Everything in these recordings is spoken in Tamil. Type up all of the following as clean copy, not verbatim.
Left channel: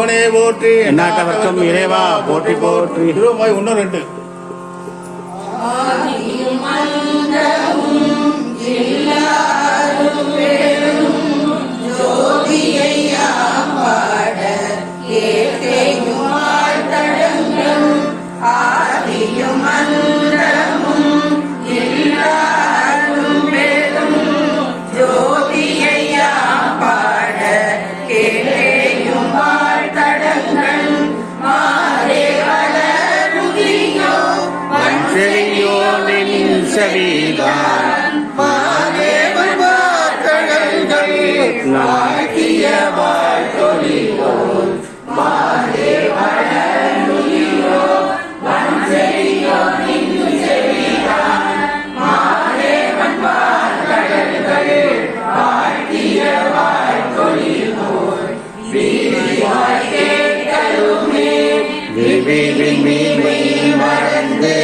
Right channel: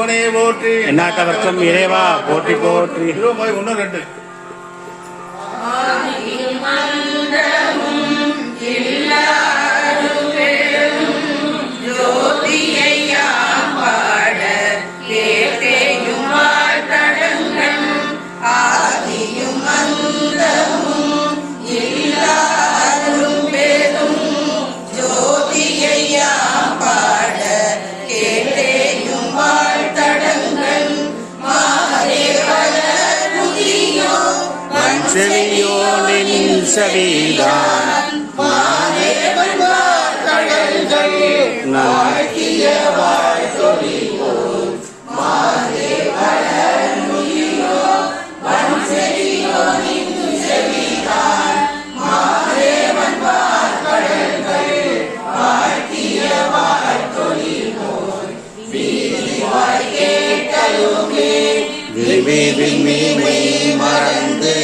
சிவனே போற்றி. எந்நாட்டவர்க்கும் இறைவா போற்றி போற்றி. ரூபாய் 1 2 செவியோனின் செவிதான் மறந்து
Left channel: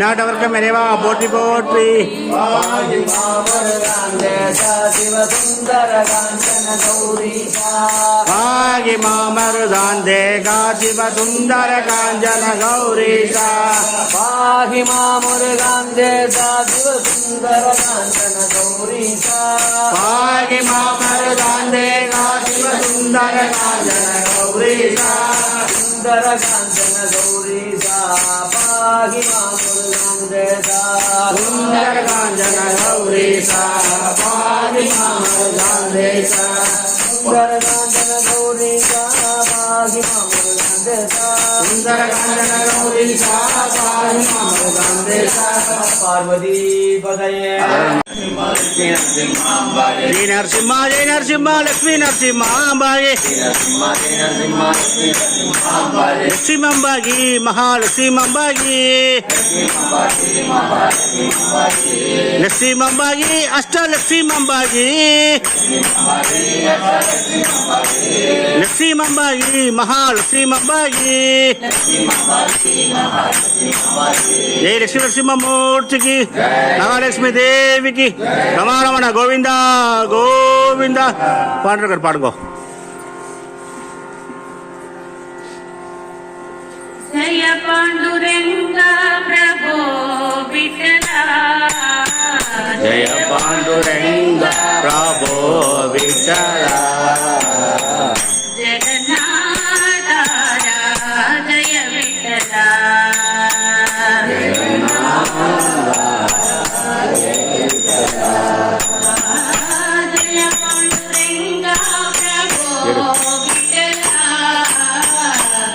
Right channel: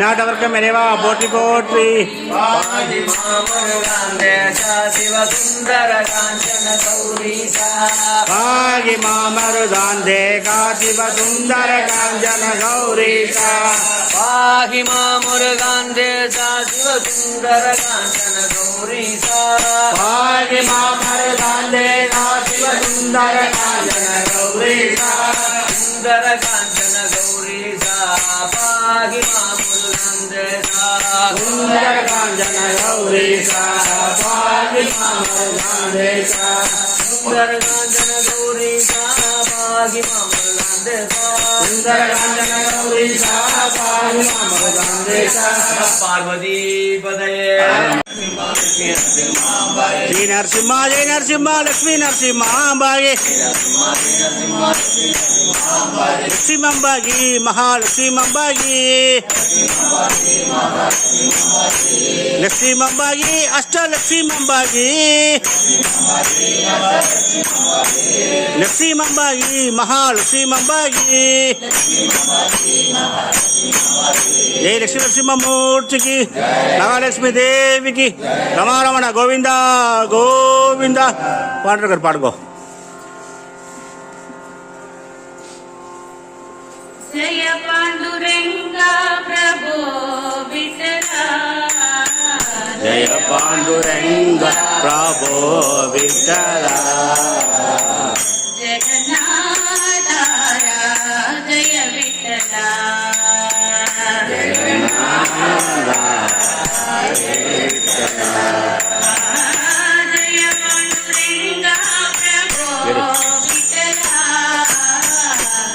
நாட்டவர்க்கம் இறைவா போற்றி போற்றி. பாகி மாமருதான் தேகா சிவ சுந்தர காஞ்சன கௌரீசா. பாகி மாமுருகான் தேசா சிவ சுந்தர காஞ்சன கௌரீசா. பாகி மாமருதான் தேகா சிவ சுந்தர காஞ்சன கௌரீசா. சுந்தர காஞ்சன கௌரீசா. பாகி மாமுருகான் தேசா சுந்தர காஞ்சன கௌரீசா. பாகி மாமருதான் தேகா சுந்தர காஞ்சன கௌரீசா. பாகி மாமுருகான் தேசா சுந்தர காஞ்சன கௌரீசா. பாகி மாமருதான் தேகா. பார்வதி பதயே. ஜெய நரசிம்மா ஜெய நரசிம்மா லட்சுமி நரசிம்மா அம்பாயே. லட்சுமி அம்பாகி மகாலட்சுமி அம்பாகி. லட்சுமி அம்பாகி அஷ்டலட்சுமி அம்பாகி. லட்சுமி அம்பாகி மகாலட்சுமி அம்பாகி. జై లక్ష్మీ నరసింహమూర్తికి నవలక్ష్మీ దేవికి రమారమణ గోవింద గోవింద పాడు పాడుకో. జయ పాండురంగ ప్రభో విఠలా జయ పాండురంగ ప్రభో విఠలా జగన్నాథ జయ విఠలా జయ పాండురంగ ప్రభో విఠలా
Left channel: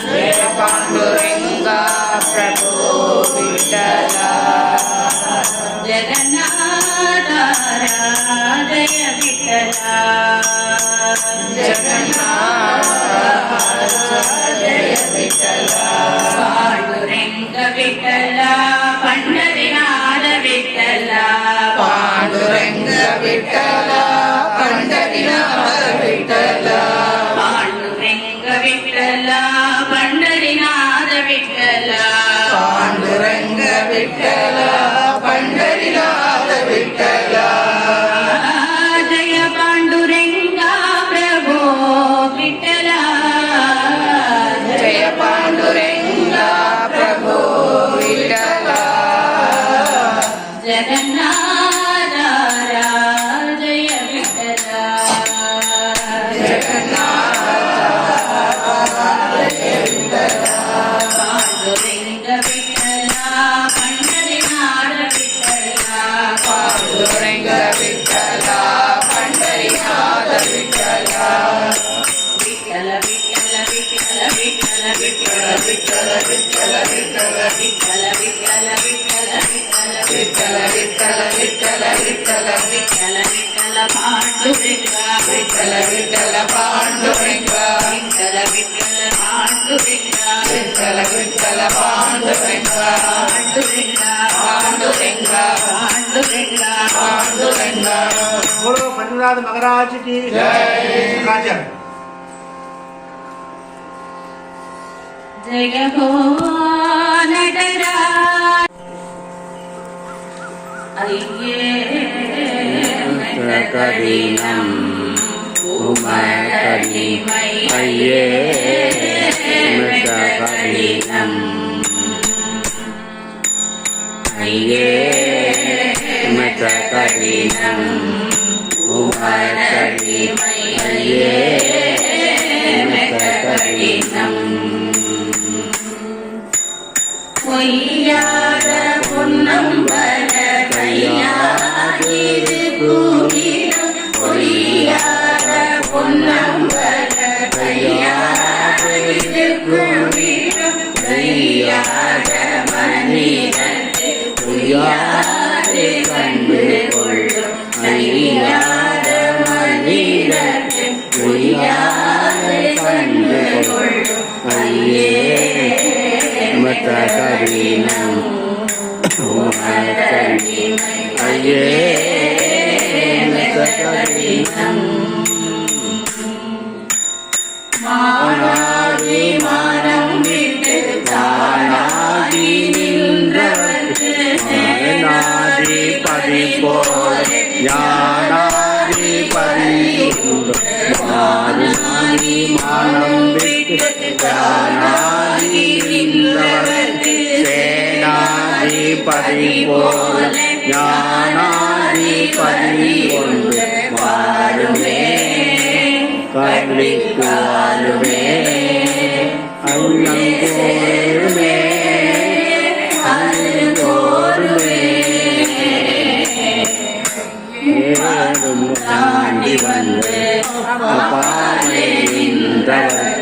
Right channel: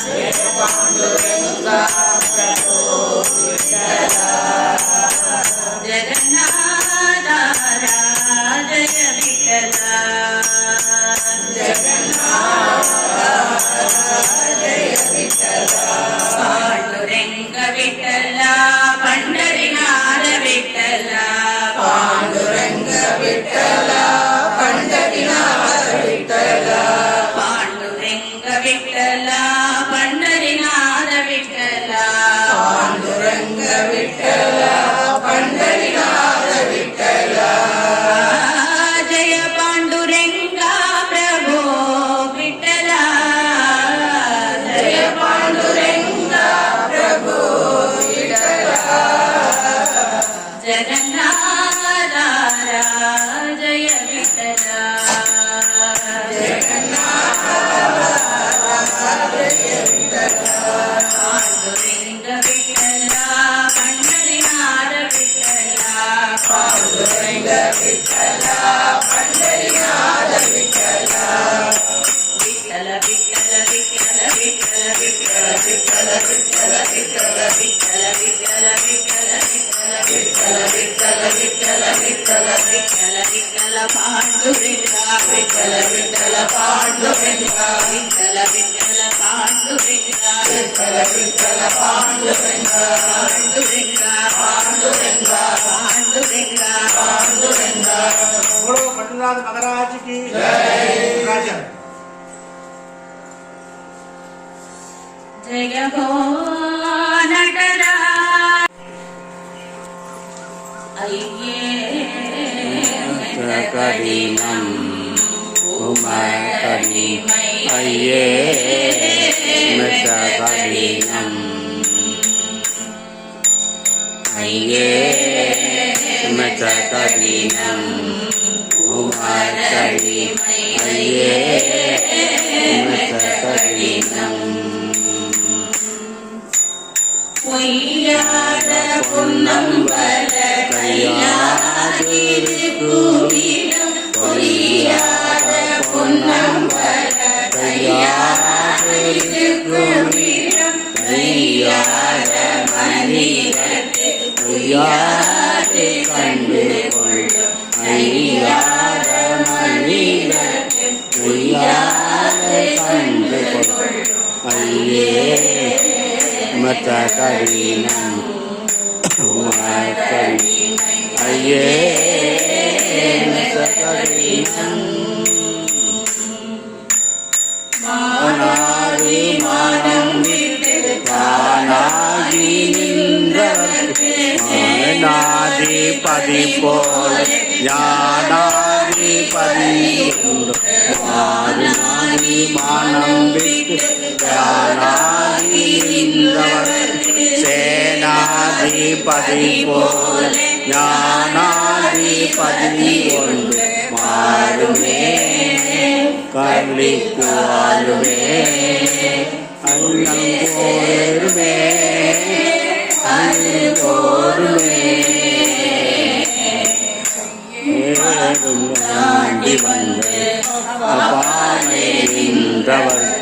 జయ పాండురంగ ప్రభో విఠలా జగన్నాథ జయ విఠలా జగన్నాథ జయ విఠలా పాండురంగ విఠలా పండరినాథ విఠలా పాండురంగ విఠలా పండరినాథ విఠలా పాండురంగ విఠలా పండరినాథ విఠలా పాండురంగ విఠలా పండరినాథ విఠలా జయ పాండురంగ ప్రభో విఠలా జయ పాండురంగ ప్రభో విఠలా జగన్నాథ జయ విఠలా పాండురంగ విఠలా పండరినాథ విఠలా పాండురంగ విఠలా పండరినాథ విఠలా విఠల విఠల విఠల విఠల విఠల విఠల విఠల విఠల విఠల విఠల విఠల విఠల విఠల విఠల విఠల విఠల విఠల పాండురంగ విఠల విఠల పాండురంగ విఠల విఠల పాండురంగ విఠల విఠల పాండురంగ పాండురంగ పాండురంగ పాండురంగ పాండురంగ बोलो पंचनाथ महाराज की राजा जय हो नटरा अय्ये करीनम उमाकरी अये मशकरीनम अये मशकरीनम उमाकरी अये मशकरीनम பொய்யாத பொன்னம்பல கையாதிருக்குமிடம் பொய்யாத பொன்னம்பல கையாதிருக்குமிடம் பொய்யாத மனிதர்க்கு பொய்யாதே கண்டு கொள்ளும் ஐயாத மனிதர்க்கு பொய்யாதே கண்டு கொள்ளும் ஐயே मतकरीनम उमाकरी अये मतकरीनम मानादि मानं विट्टु तानादि निன்றவர்க்கு ஞானாதிபதி போல ஞானாதிபதி உண்டு மாறுநாதி மானம் விட்டு ஞானாதி நின்றவர்க்கு சேனாதிபதி போல ஞானாதிபதி ஒன்று மாறுமே கலிக்கு வாழுமே அண்ணங்கோருமே அண்ணோருமே ஏறும் தாண்டி வந்து அப்பாமை நின்றவர்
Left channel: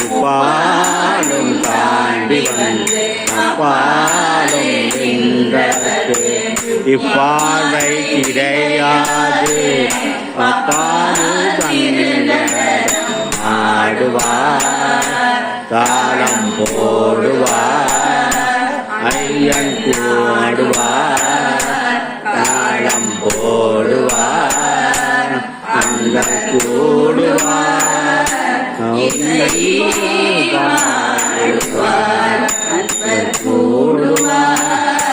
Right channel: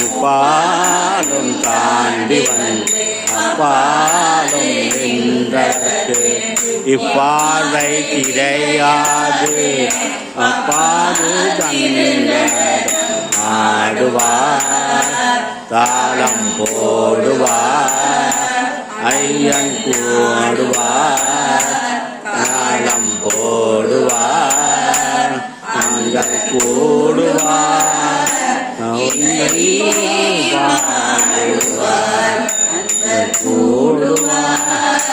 உப்பாலும் தாண்டி வந்து அப்பாலும் நின்றவர்க்கு இப்பார்வை கிடையாது அப்பாது கண்ட ஆடுவார் தாளம் போடுவார் ஐயன் கூடுவார் தாளம் போடுவார் நாங்கள் கூடுவார் உன்னை பாடுவார் கூடுவார்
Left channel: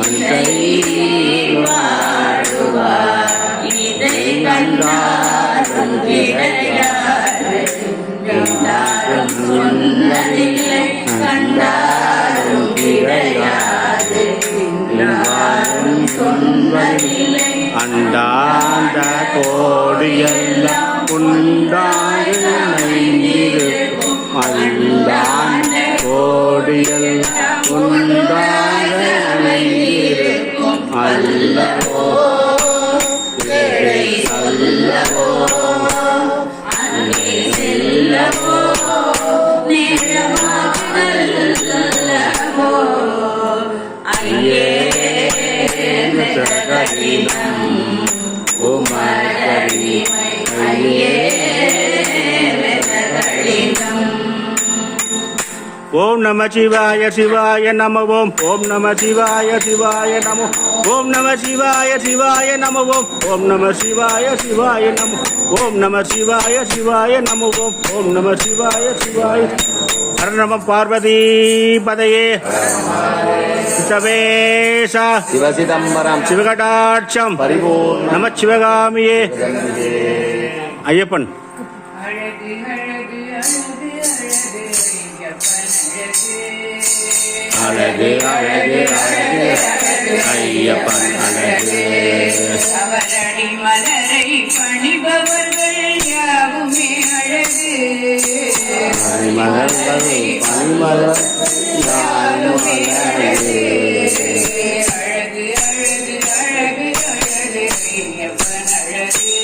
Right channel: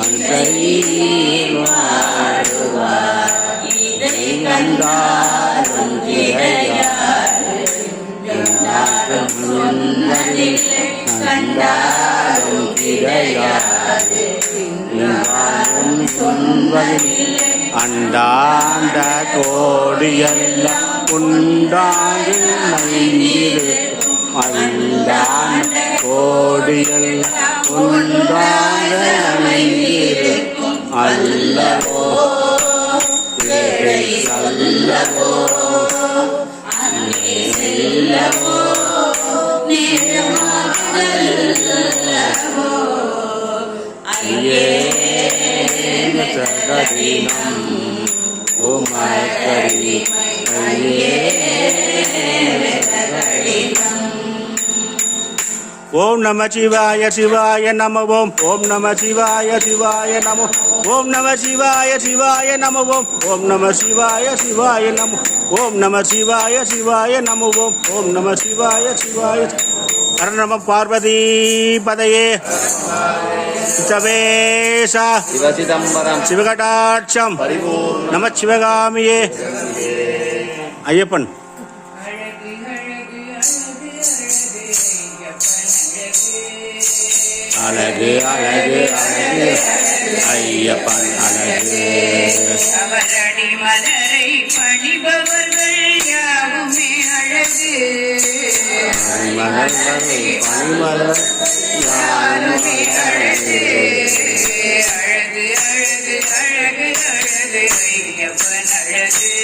அன்றையில் வாழுவார் இதை கண்டாலும் கிடையாது கண்டாலும் கிடையாது சொல்வதில்லை அண்டாண்ட கோடியெல்லாம் உண்டாக நைந்திருக்கும் அண்டாண்ட கோடியெல்லாம் உண்டாக நைந்திருக்கும் அல்லவோ அல்லவோ அல்லவோ ஜகதீனம் உமகரி ஓம் நம சிவாய சிவாய நம ஓம் ஓம் நம சிவாய சிவாய நம ஓம் நம சிவாய சிவாய நம ஓம் ஓம் நம சிவாய சிவாய நம ஓம் நம சிவாய சிவாய நம ஓம் ஓம் நம சிவாய சிவாய ஹர நம பார்வதி பதையே சவேஷா சிவசிதம்பரம் சிவகடாட்சம் பரிபூர்ண நம சிவகாமியே ஐயப்பன் அழகு அழகு அழகு ஐயப்பன் அழகு அவரடி மலரை பணிபவர்கள் யாவுமே அழகு பனிமலர்கள் பனிமலர் யாரும் அழகு அழகு அழகு அழகு அழகு ஐயப்பன் அழகு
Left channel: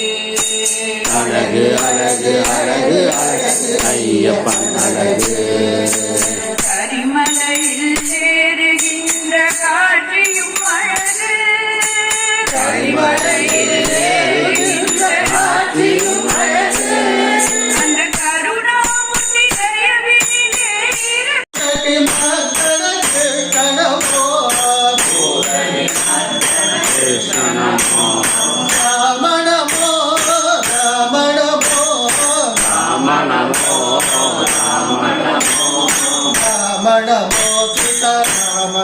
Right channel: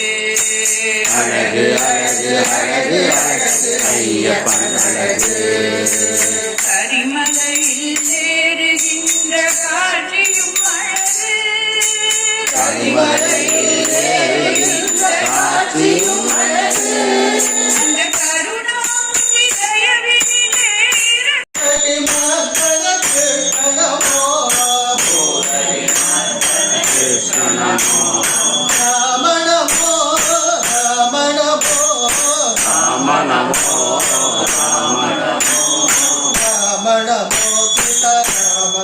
அழகு அழகு அழகு அழகு ஐயப்பன் அழகு கரிமலையில் சேருகின்ற காட்சியும் அழகு கரிமலையில் காட்சியும் அழகு அந்த கருணாமூர்த்தி தயவினிலே கிருஷ்ணனமோ ராம நமோ ராம ராம நமோ சீதாராம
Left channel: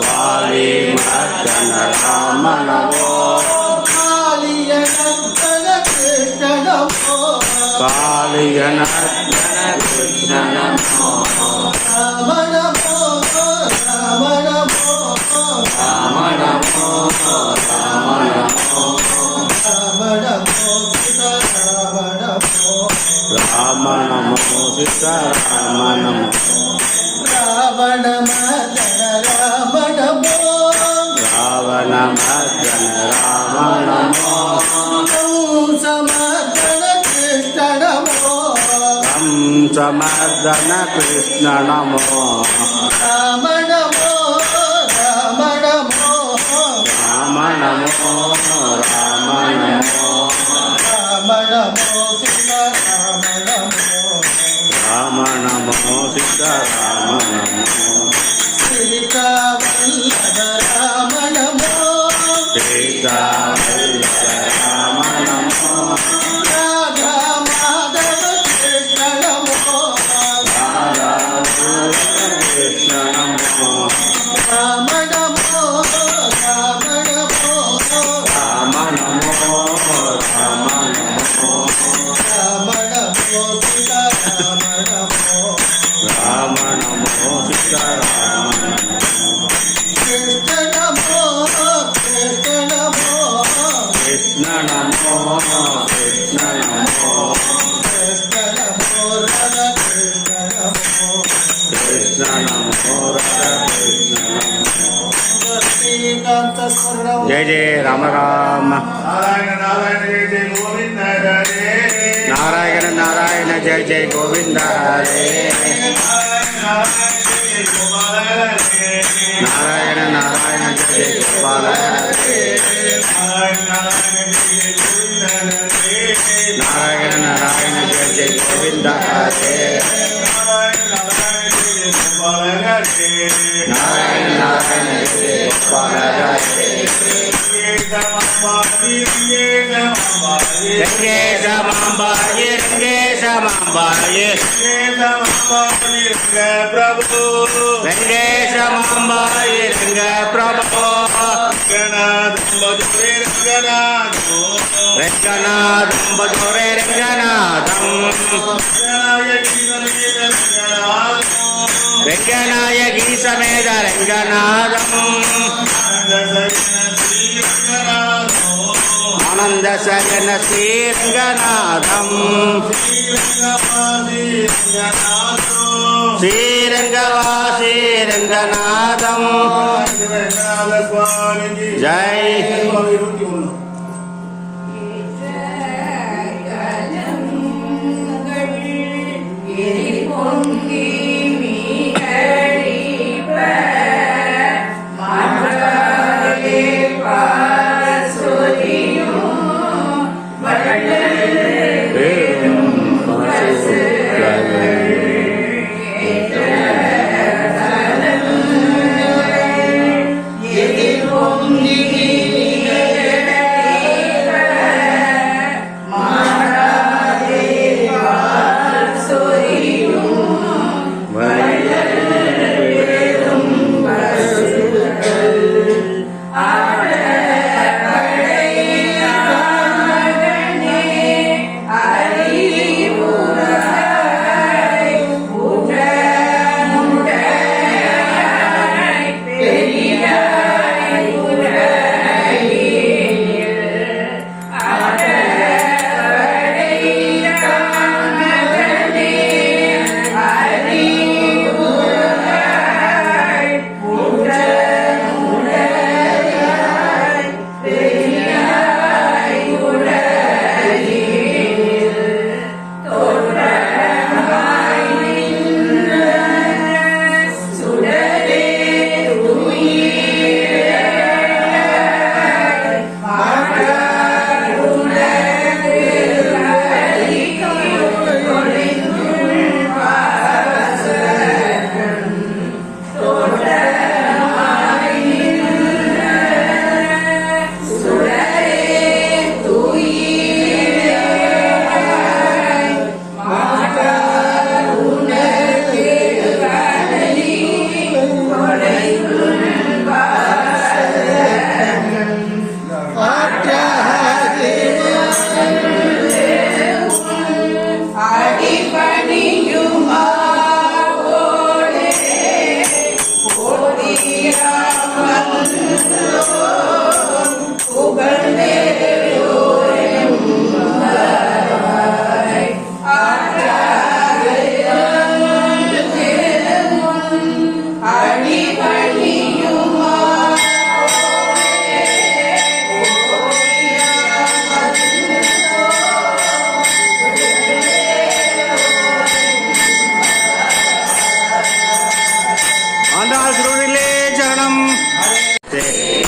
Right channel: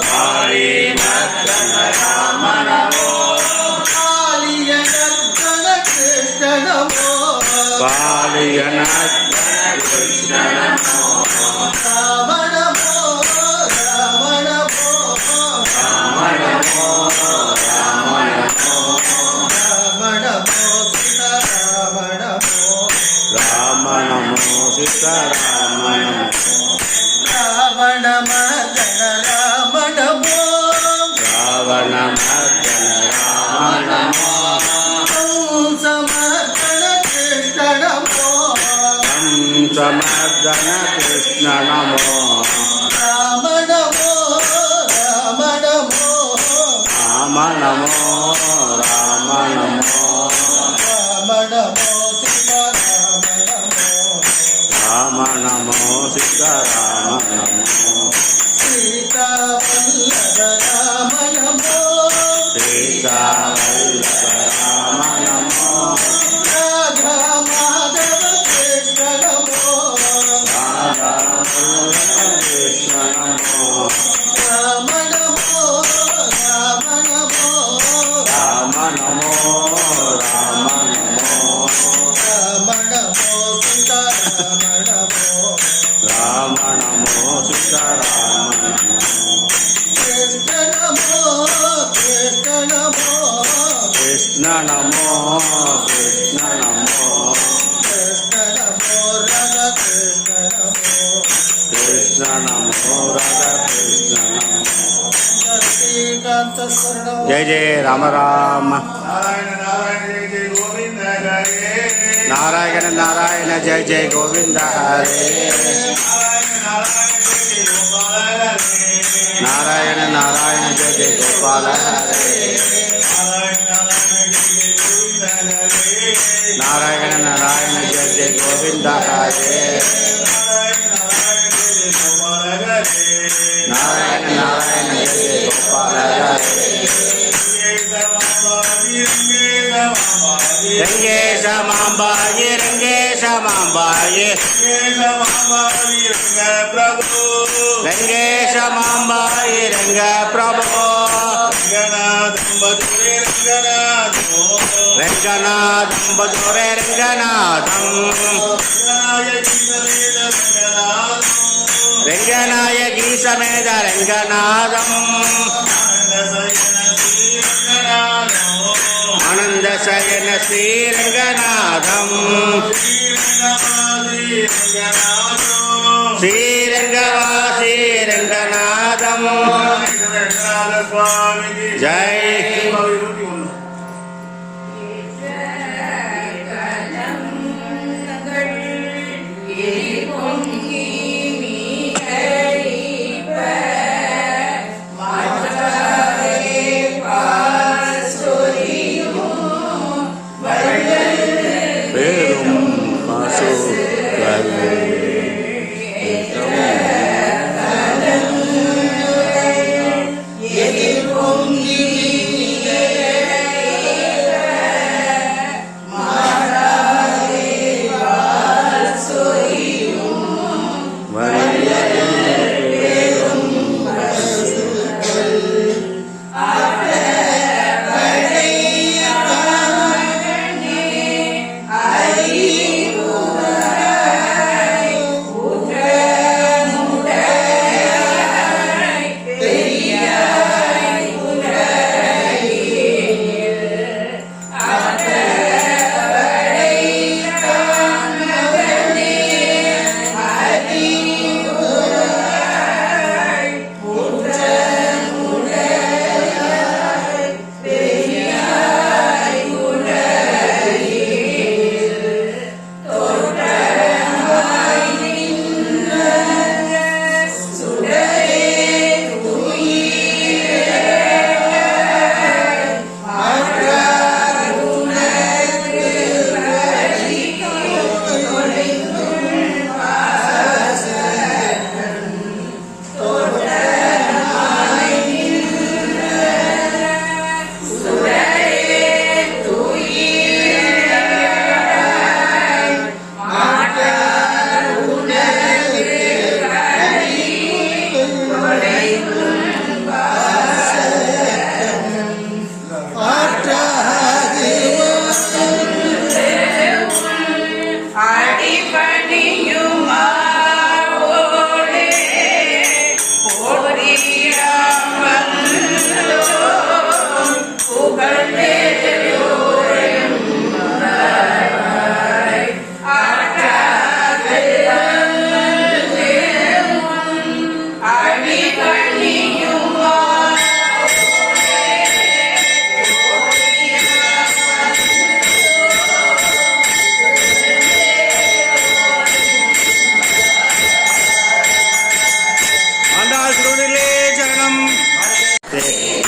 வாலி மர்தன ராம நமோ காளியன கிருஷ்ணனமோ ராம நமோ ராம நமோ ராம நமோ சீதாராம நமோ ராவண மர்தன ராம நமோ சமர்தன கிருஷ்ண நமோ ராம நமோ ராம நமோ ராம நமோ ராம நமோ ராம நமோ சீதாராம நமோ சீதா வல்லப ராம நமோ ராதா கிருஷ்ண நமோ ராம நமோ ராம நமோ ராம நமோ ராம நமோ ராம நமோ சீதாராம நமோ கிருஷ்ண நமோ கிருஷ்ண நமோ கிருஷ்ண நமோ ராதா கிருஷ்ண நமோ जय जय राम राम नारायण नारायण जय जय गोविंद हरे नारायण नारायण जय जय गोपाल हरे नारायण नारायण जय जय गोविंद हरे नारायण नारायण जय जय गोपाल हरे ரங்கேசமாம்பாயே ரங்கேசமாம்பாயே பிரபு ரங்கேசமாம்பாயே ரங்க பிரபு ரங்கநாதம் பதுரே ரங்கநாதம் ரங்கநாயகி சமேத ரங்கநாதம் ஆனந்த சயன ஸ்ரீரங்கநாதம் ஸ்ரீரங்கவாசி ரங்கநாதம் ஜெய்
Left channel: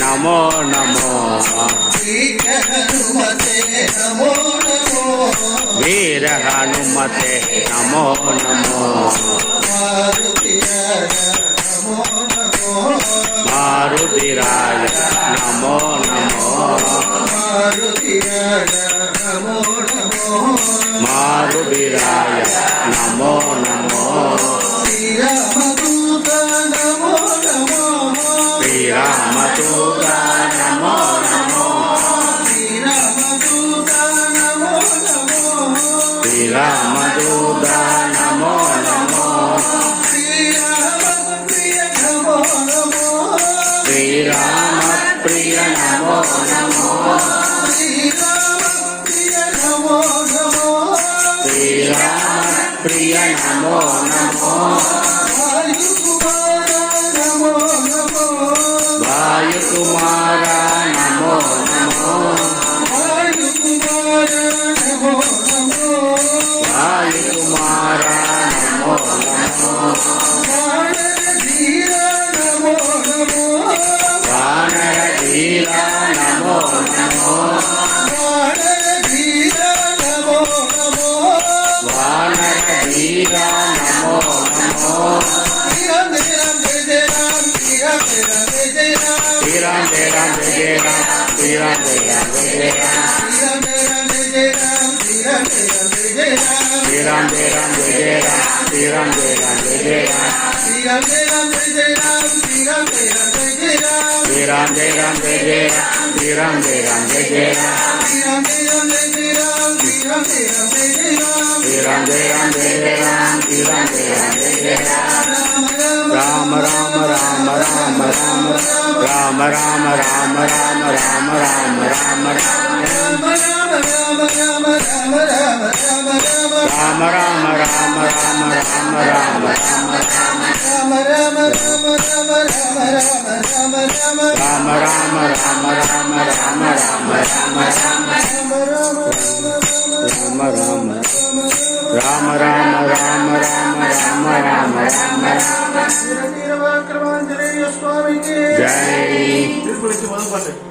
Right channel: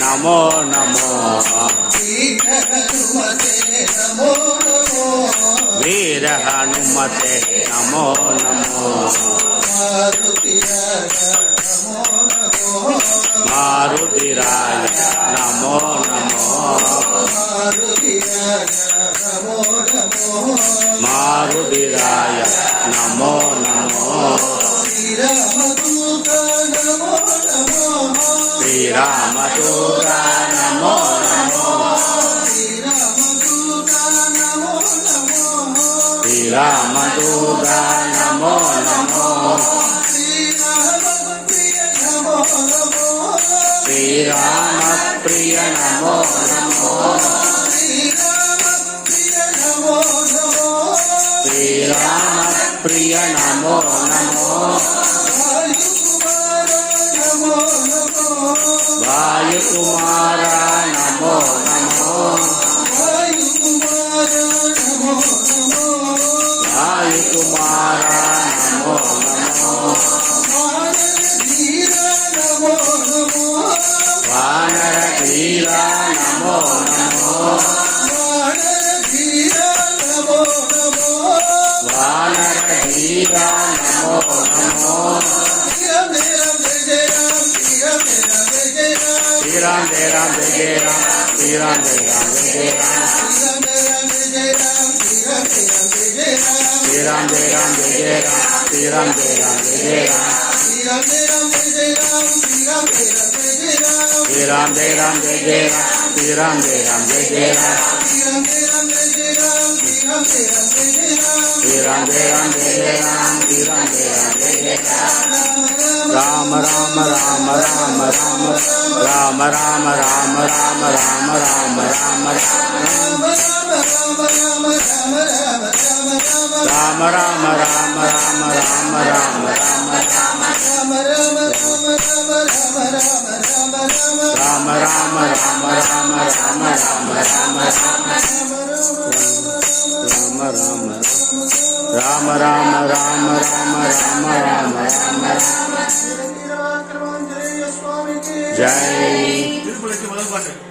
நமோ நமோ வீர ஹனுமதே நமோ நமோ மாருதிராய நமோ நமோ மாருதிராய நமோ நமோ श्रीरामदूता Namo Namo श्रीरामदूता Namo Namo श्रीरामप्रिय Namo Namo श्रीरामप्रिय Namo Namo वायुकुमारा Namo Namo वायुकुमारा Namo Namo वानरधीरा Namo Namo वानरधीरा Namo Namo Ram Jai Ram Jai Jai Ram Jai Ram Jai Ram Jai Ram Jai Ram Jai Ram Jai Jai Ram Shri Ram Jai Ram Jai Jai Ram Shri Ram Jai Ram Jai Jai Ram Shri Ram Jai Ram Jai Jai Ram Shri Ram Jai Ram Jai Jai Ram Shri Ram Jai Ram Jai Jai Ram Ram Ram Ram Ram Ram Ram Ram Ram Ram Ram Ram Ram Ram Ram Ram Jai